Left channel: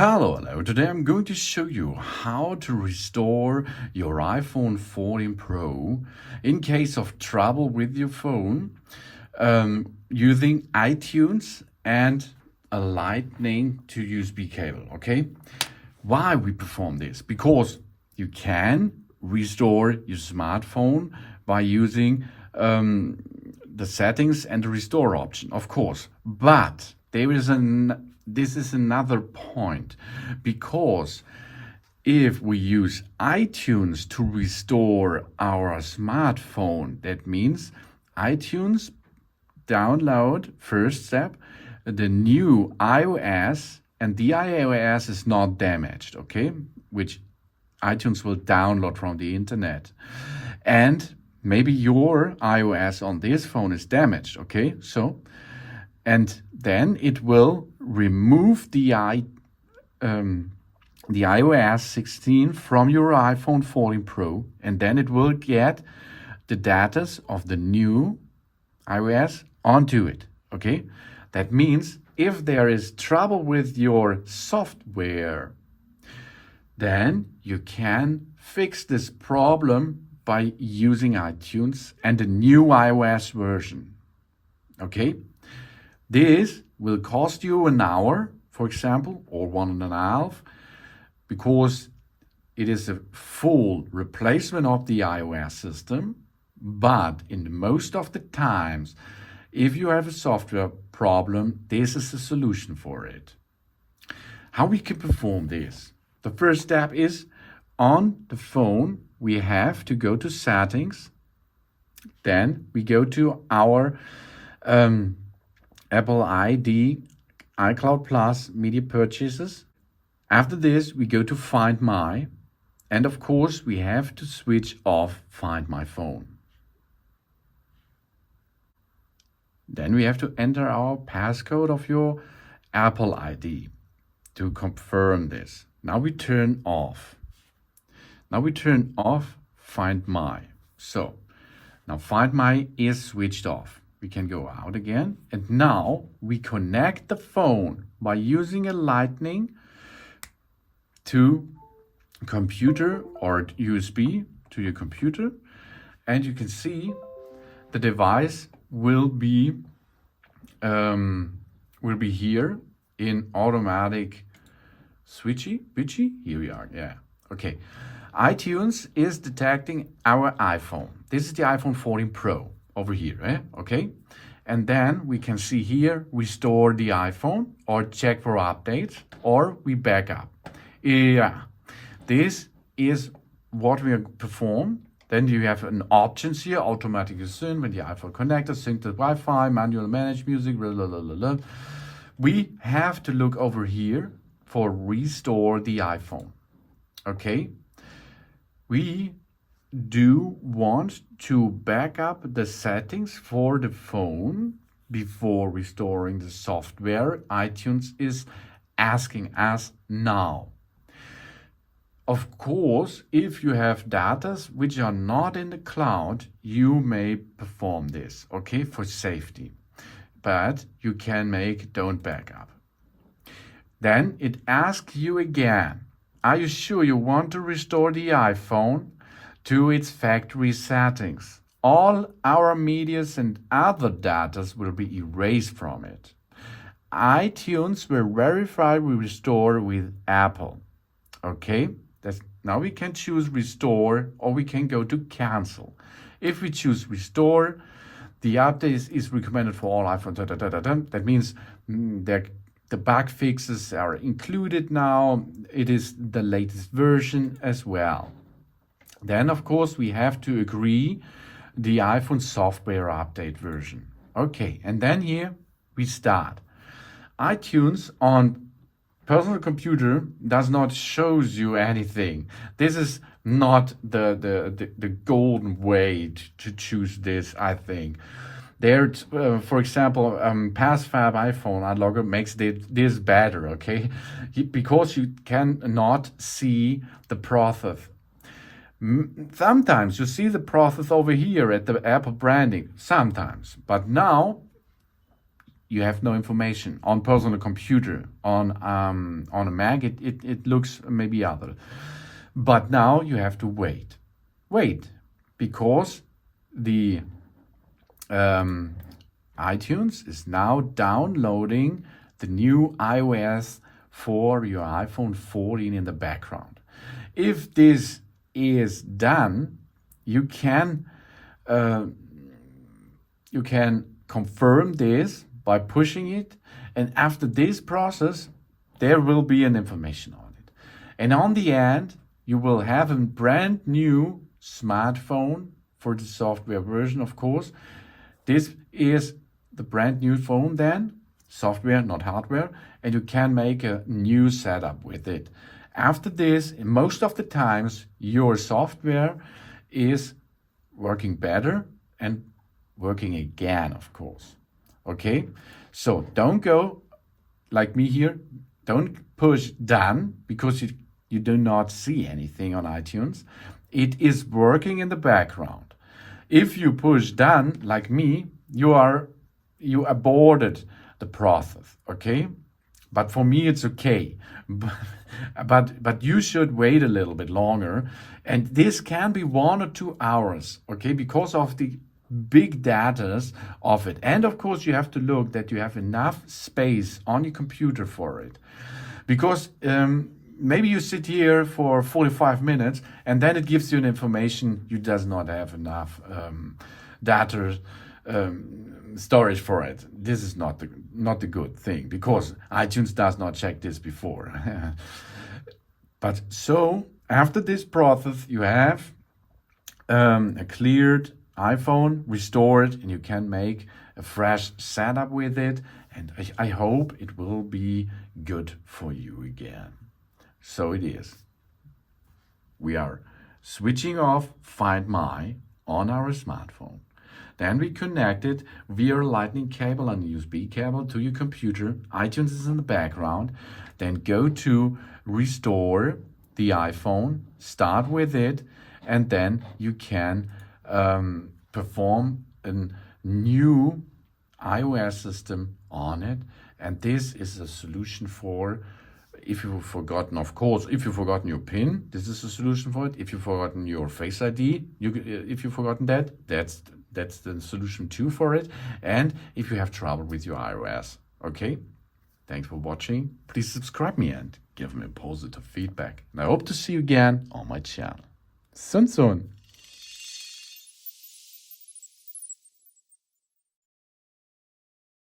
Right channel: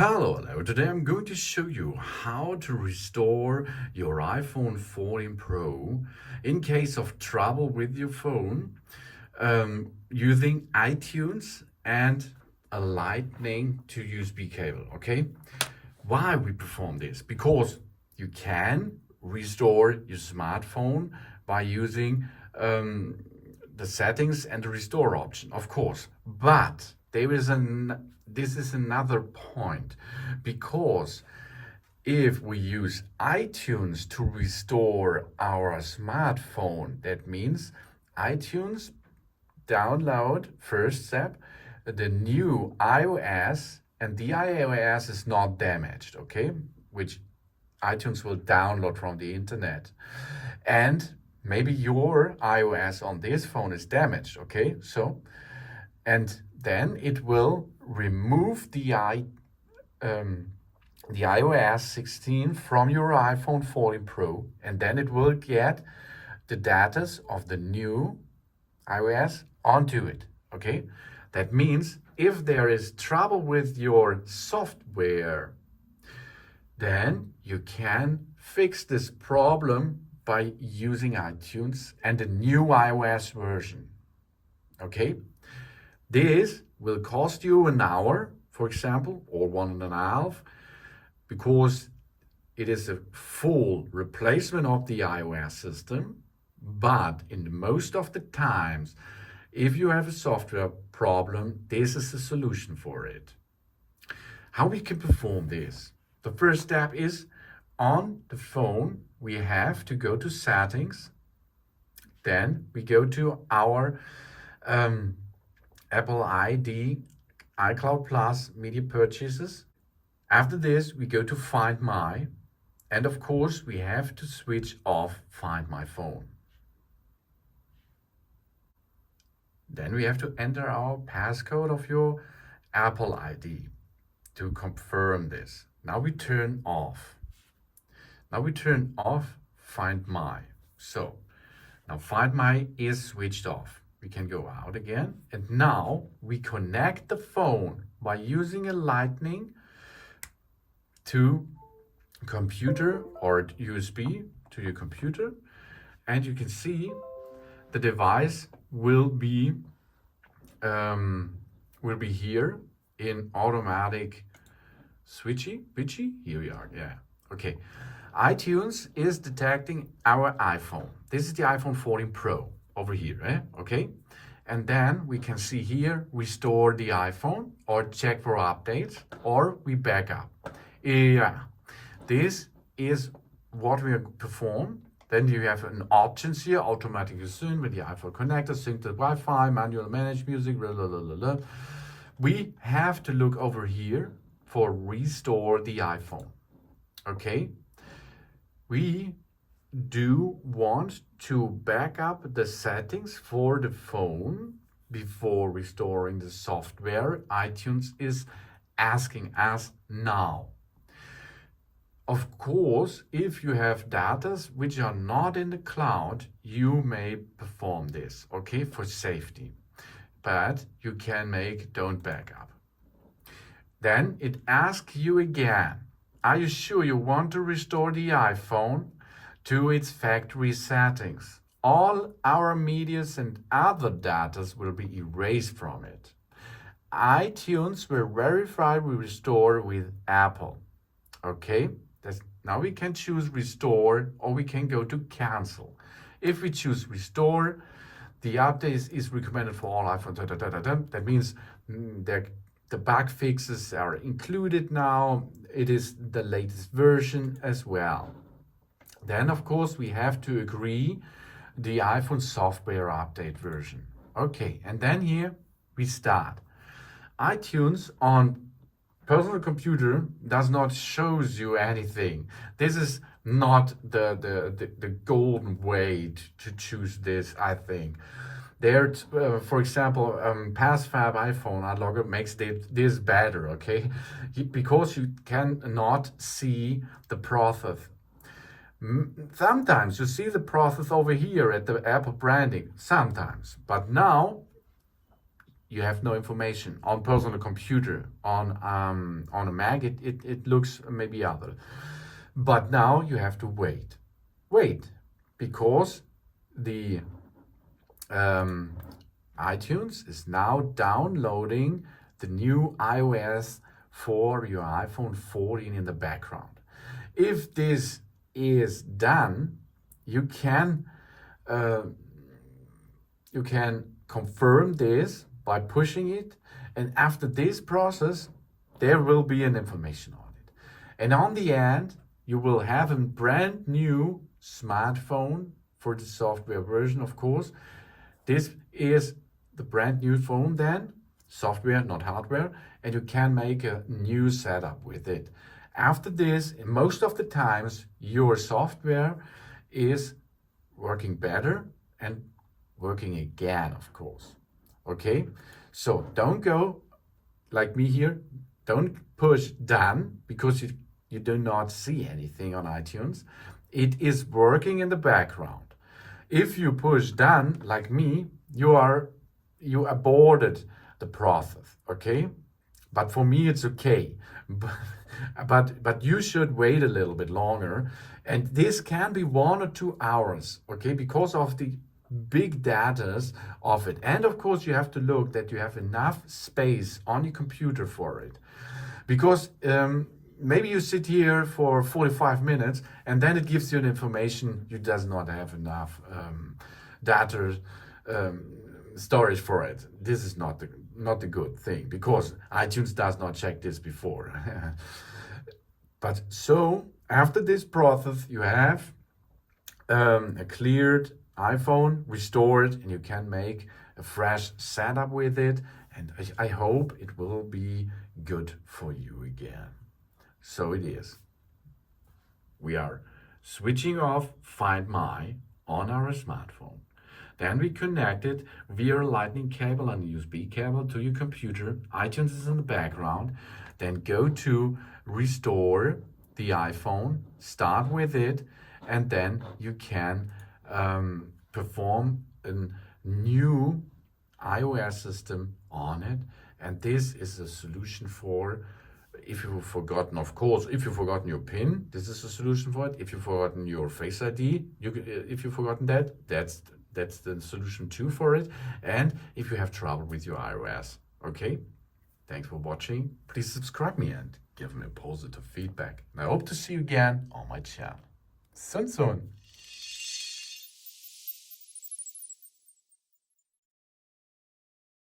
Hello. Today I'm going to show you how to restore your iPhone 14 Pro in case of trouble with your phone using iTunes and a Lightning to USB cable. Okay, why we perform this? Because you can restore your smartphone by using the settings and the restore option, of course, but this is another point, because if we use iTunes to restore our smartphone, that means iTunes download, first step, the new iOS, and the iOS is not damaged, okay, which iTunes will download from the internet. And maybe your iOS on this phone is damaged, okay? So, and then it will remove the iOS16 from your iPhone 14 Pro, and then it will get the data of the new iOS onto it, okay? That means if there is trouble with your software, then you can fix this problem by using iTunes and the new iOS version, okay? This will cost you an hour, for example, or 1.5, because it is a full replacement of the iOS system. But in most of the times, if you have a software problem, this is a solution for it. How we can perform this? The first step is, on the phone, we have to go to settings. Then we go to our Apple ID, iCloud Plus, media purchases. After this, we go to Find My. And of course, we have to switch off Find My Phone. Then we have to enter our passcode of your Apple ID to confirm this. Now we turn off. Find My. So now Find My is switched off. We can go out again. And now we connect the phone by using a Lightning to computer or USB to your computer. And you can see the device will be here in automatic switchy. Here we are. Yeah. Okay. iTunes is detecting our iPhone. This is the iPhone 14 Pro over here. Okay. And then we can see here, restore the iPhone or check for updates, or we back up. Yeah. This is what we perform. Then you have an options here, automatically sync with the iPhone connector, sync to Wi-Fi, manual manage music, blah, blah, blah, blah, blah. We have to look over here for restore the iPhone, okay? We do want to back up the settings for the phone before restoring the software. iTunes is asking us now. Of course, if you have data which are not in the cloud, you may perform this, okay, for safety. But you can make don't back up. Then it asks you again, are you sure you want to restore the iPhone to its factory settings? All our medias and other data will be erased from it. iTunes will verify we restore with Apple, okay? Now we can choose restore, or we can go to cancel. If we choose restore, the update is recommended for all iPhones. That means the bug fixes are included now. It is the latest version as well. Then, of course, we have to agree the iPhone software update version. Okay, and then here we start. iTunes on personal computer does not shows you anything. This is not the golden way to choose this, I think. There, for example, PassFab iPhone Unlocker makes this better, okay? Because you cannot see the process. Sometimes you see the process over here at the Apple branding, sometimes. But now you have no information. On personal computer, on a Mac, it looks maybe other. But now you have to wait, because the iTunes is now downloading the new iOS for your iPhone 14 in the background. If this is done, you can confirm this by pushing it, and after this process, there will be an information on it. And on the end, you will have a brand new smartphone for the software version, of course. This is the brand new phone then, software, not hardware, and you can make a new setup with it. After this, most of the times, your software is working better and working again, of course. Okay, so don't go like me here. Don't push done, because you do not see anything on iTunes. It is working in the background. If you push done like me, you aborted the process. Okay, but for me it's okay. But you should wait a little bit longer, and this can be 1 or 2 hours. Okay, because of the big datas of it. And of course you have to look that you have enough space on your computer for it, because maybe you sit here for 45 minutes and then it gives you an information you does not have enough data storage for it. This is not the good thing, because iTunes does not check this before. But so after this process, you have a cleared iPhone, restored, and you can make a fresh setup with it. And I hope it will be good for you again. So it is. We are switching off Find My on our smartphone. Then we connect it via a lightning cable and USB cable to your computer. iTunes is in the background. Then go to restore the iPhone, start with it, and then you can perform a new iOS system on it. And this is a solution for, if you've forgotten, of course, if you've forgotten your PIN, this is a solution for it. If you've forgotten your Face ID, if you've forgotten that, that's the solution too for it. And if you have trouble with your iOS, okay? Thanks for watching. Please subscribe me and give me positive feedback. And I hope to see you again on my channel. Soon.